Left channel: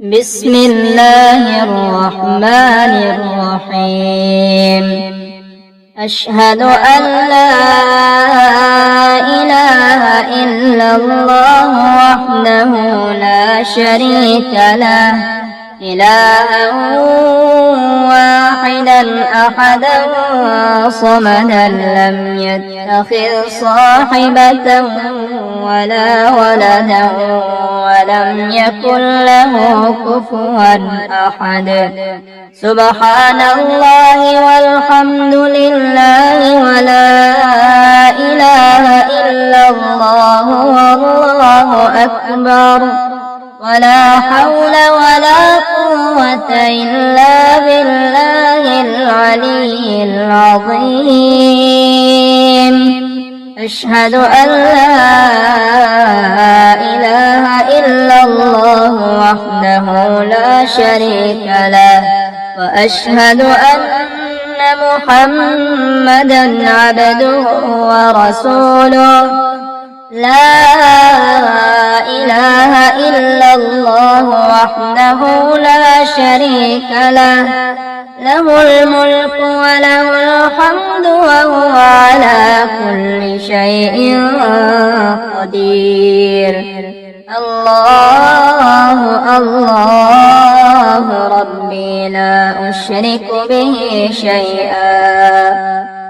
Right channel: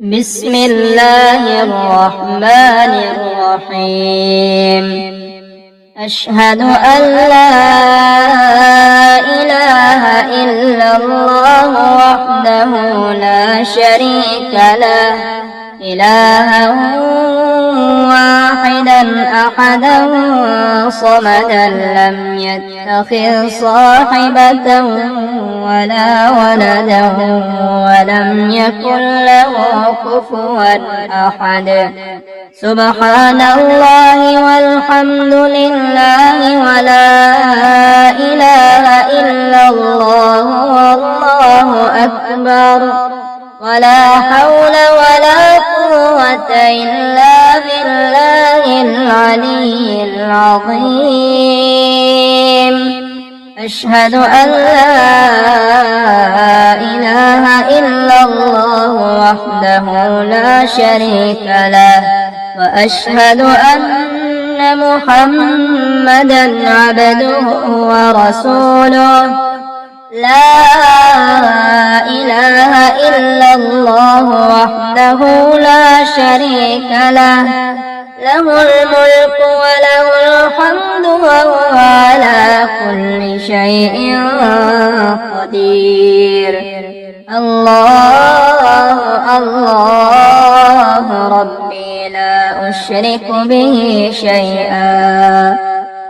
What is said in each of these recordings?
بسم الله الرحمن الرحيم. أشهد أن لا إله إلا الله وحده لا شريك له إلها واحدا أحدا صمدا لم يتخذ صاحبة ولا ولدا ولم يكن له كفوا أحد. سبحان الله والحمد لله ولا إله إلا الله والله أكبر ولا حول ولا قوة إلا بالله العلي العظيم. أشهد أن لا إله إلا الله وحده لا شريك له وأشهد أن محمدا عبده ورسوله. لا إله إلا الله وحده لا شريك له له الملك وله الحمد وهو على كل شيء قدير. الله الله ربي لا أشرك به شيئا.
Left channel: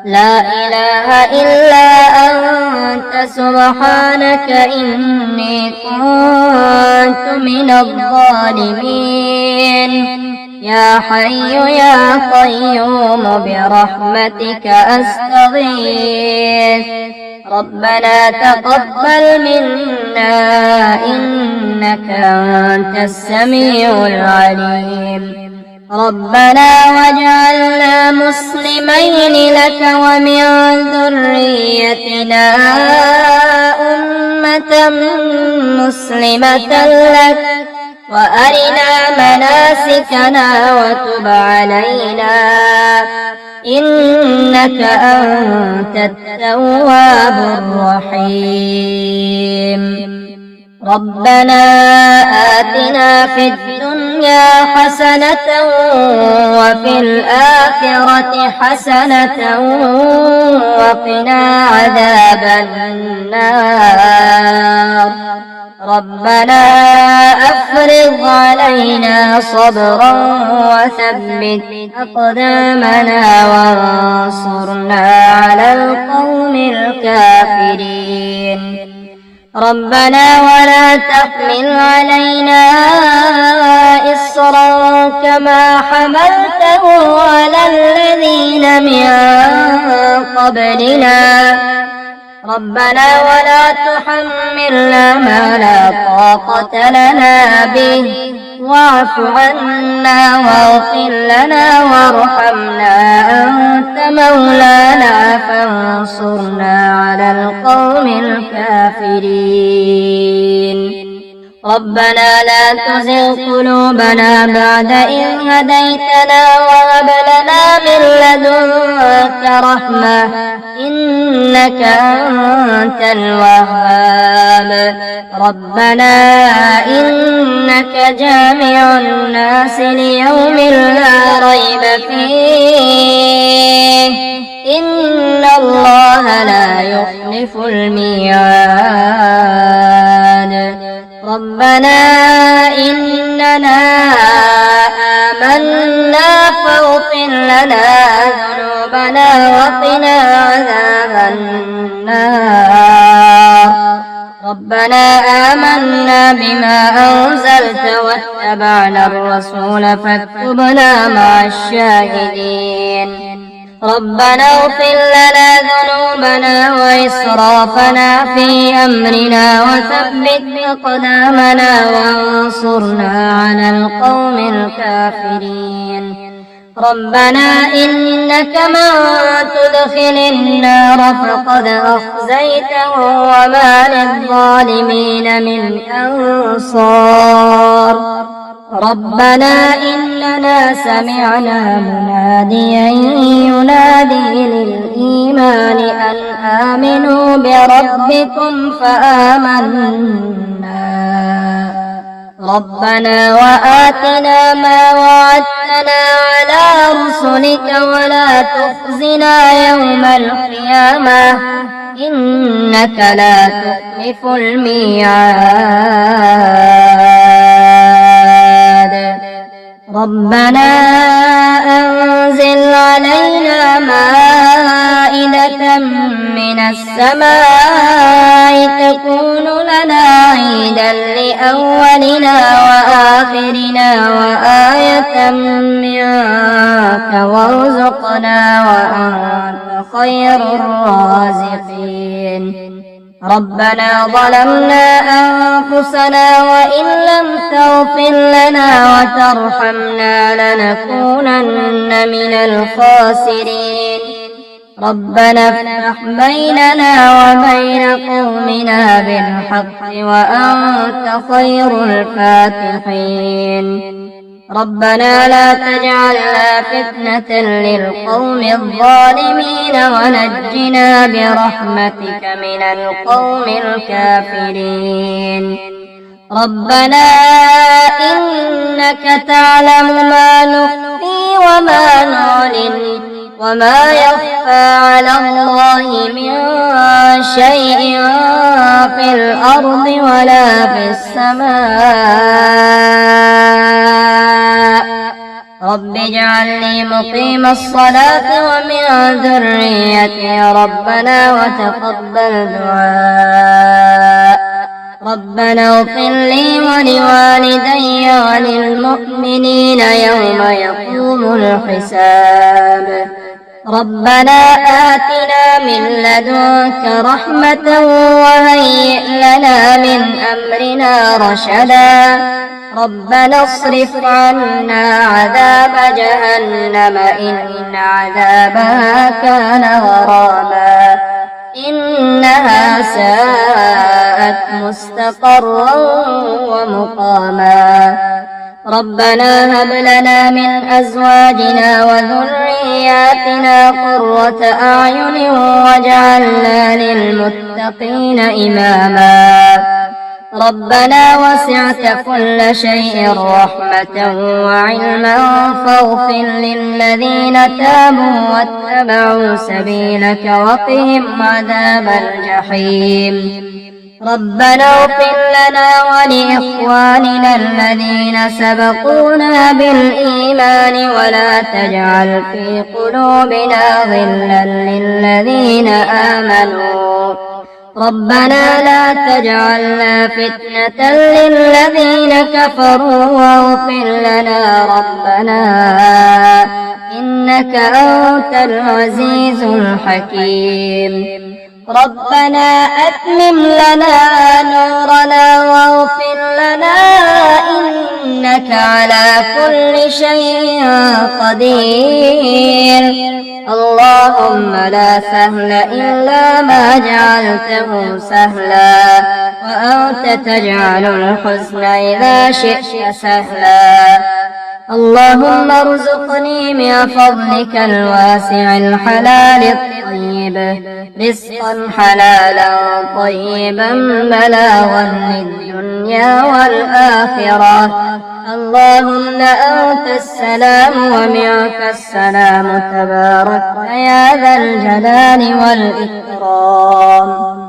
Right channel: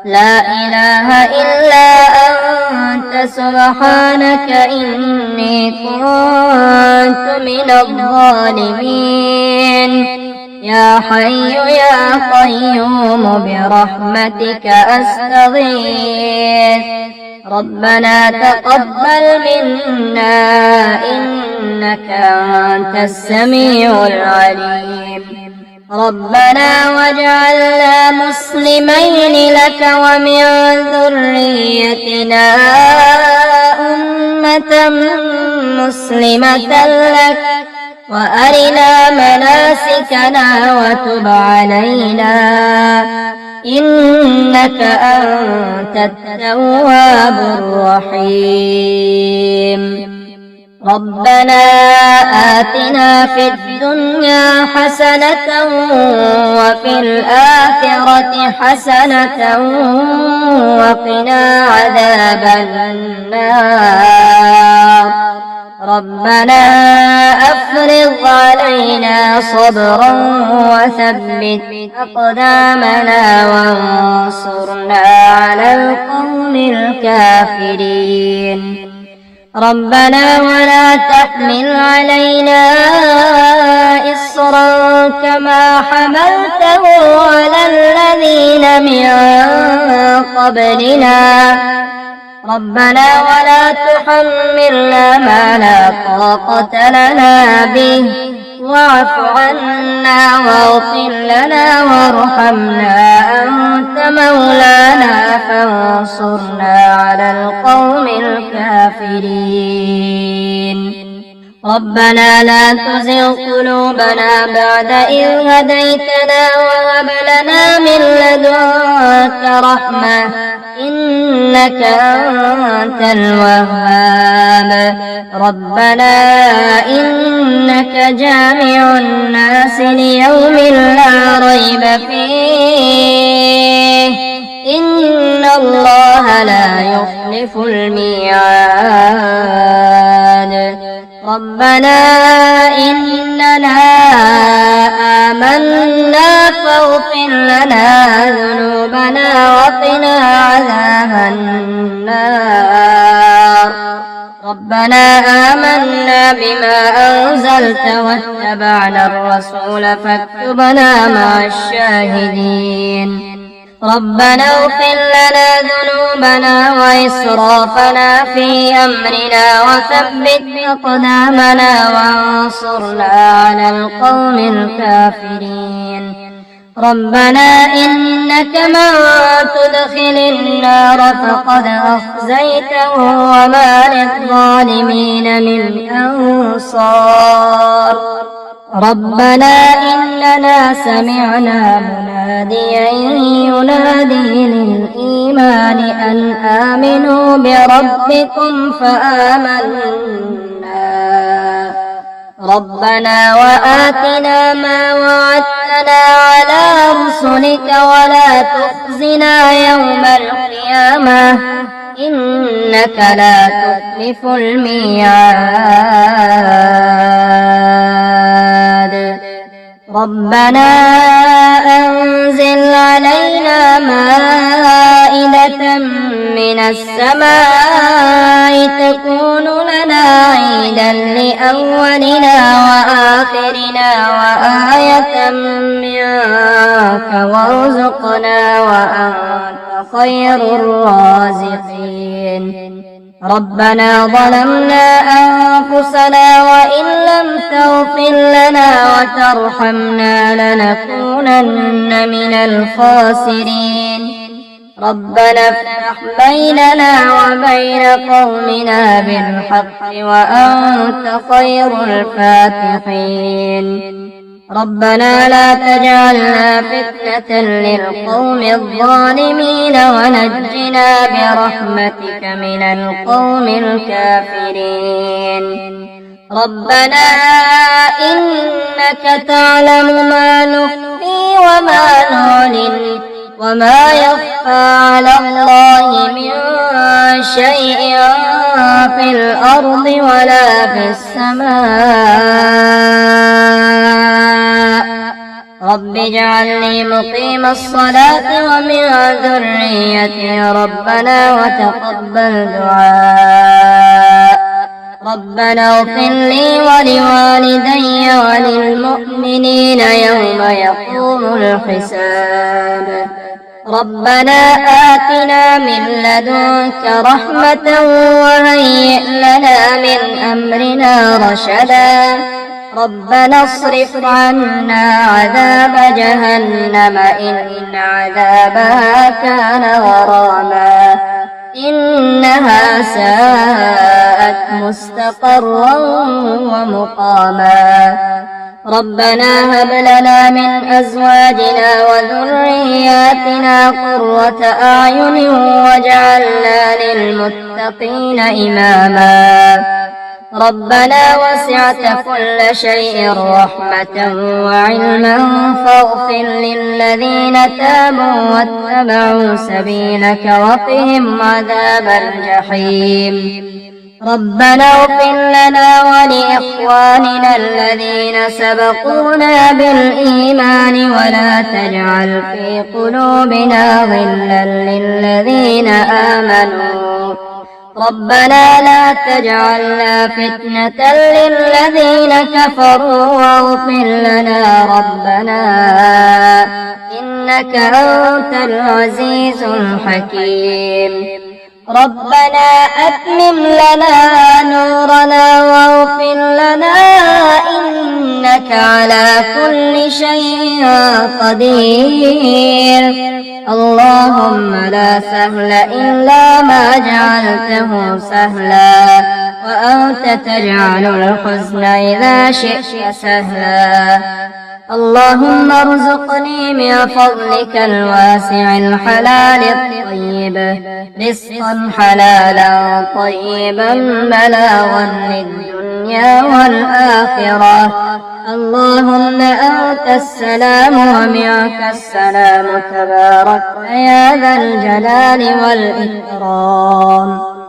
لا إله إلا أنت سبحانك إني كنت من الظالمين. يا حي يا قيوم برحمتك أستغيث. ربنا تقبل منا إنك أنت السميع العليم. ربنا واجعلنا مسلمين لك ومن ذريتنا أمة مسلمة لك وأرنا مناسكنا وتب علينا إنك أنت التواب الرحيم. ربنا آتنا في الدنيا حسنة وفي الآخرة حسنة وقنا عذاب النار. ربنا أفرغ علينا صبرا وثبت أقدامنا وانصرنا على القوم الكافرين. ربنا ولا تحمل علينا إصرا كما حملته على الذين من قبلنا. ربنا ولا تحملنا ما لا طاقة لنا به واعف عنا واغفر لنا وارحمنا أنت مولانا فانصرنا على القوم الكافرين. ربنا لا تزغ قلوبنا بعد إذ هديتنا وهب لنا من لدنك رحمة إنك أنت الوهاب. ربنا إنك جامع الناس ليوم لا ريب فيه إن الله لا يخلف الميعاد. ربنا إننا آمنا فاغفر لنا ذنوبنا وقنا عذاب النار. ربنا آمنا بما أنزلت واتبعنا الرسول فاكتبنا مع الشاهدين. ربنا اغفر لنا ذنوبنا وإسرافنا في أمرنا وثبت أقدامنا وانصرنا على القوم الكافرين. ربنا إنك من تدخل النار فقد أخزيته وما للظالمين من أنصار. ربنا إننا سمعنا مناديا ينادي للإيمان أن آمنوا بربكم فآمنا. ربنا وآتنا ما وعدتنا على رسلك ولا تخزنا يوم القيامة إنك لا تخلف الميعاد ربنا أنزل علينا مائدة من السماء تكون لنا عيدا لأولنا وآخرنا وآية منك وارزقنا وأنت خير الرازقين ربنا ظلمنا أنفسنا وإن لم تغفر لنا وترحمنا لنكونن من الخاسرين ربنا افتح بيننا وبين قومنا بالحق وأنت خير الفاتحين ربنا لا تجعلنا فتنة للقوم الظالمين ونجنا برحمتك من القوم الكافرين ربنا إنك تعلم ما نخفي وما نعلن وما يخفى على الله من شيء في الأرض ولا في السماء رب اجعلني مقيم الصلاة ومن ذريتي ربنا وتقبل دعاء ربنا اغفر لي ولوالدي وللمؤمنين يوم يقوم الحساب ربنا آتنا من لدنك رحمة وهيئ لنا من أمرنا رشدا ربنا اصرف عنا عذاب جهنم إن عذابها كان غراما إنها ساءت مستقرا ومقاما ربنا هب لنا من أزواجنا وذرياتنا قرة أعين واجعلنا للمتقين إماما ربنا وسعت كل شيء رحمة وعلما فاغفر للذين تابوا واتبعوا سبيلك وقهم عذاب الجحيم ربنا اغفر لنا ولإخواننا الذين سبقونا بالإيمان ولا تجعل في قلوبنا غلا للذين آمنوا ربنا لا تجعلنا فتنة للذين كفروا واغفر لنا ربنا إنك أنت العزيز الحكيم ربنا أتمم لنا نورنا واغفر لنا إنك على كل شيء قدير اللهم لا سهل إلا ما جعلته سهلا وأنت تجعل الحزن إذا شئت سهلا اللهم ارزقني من فضلك الواسع الحلال الطيب رزقا حلالا طيبا بلاغا للدنيا والآخرة اللهم أنت السلام ومنك السلام تبارك يا ذا الجلال والإكرام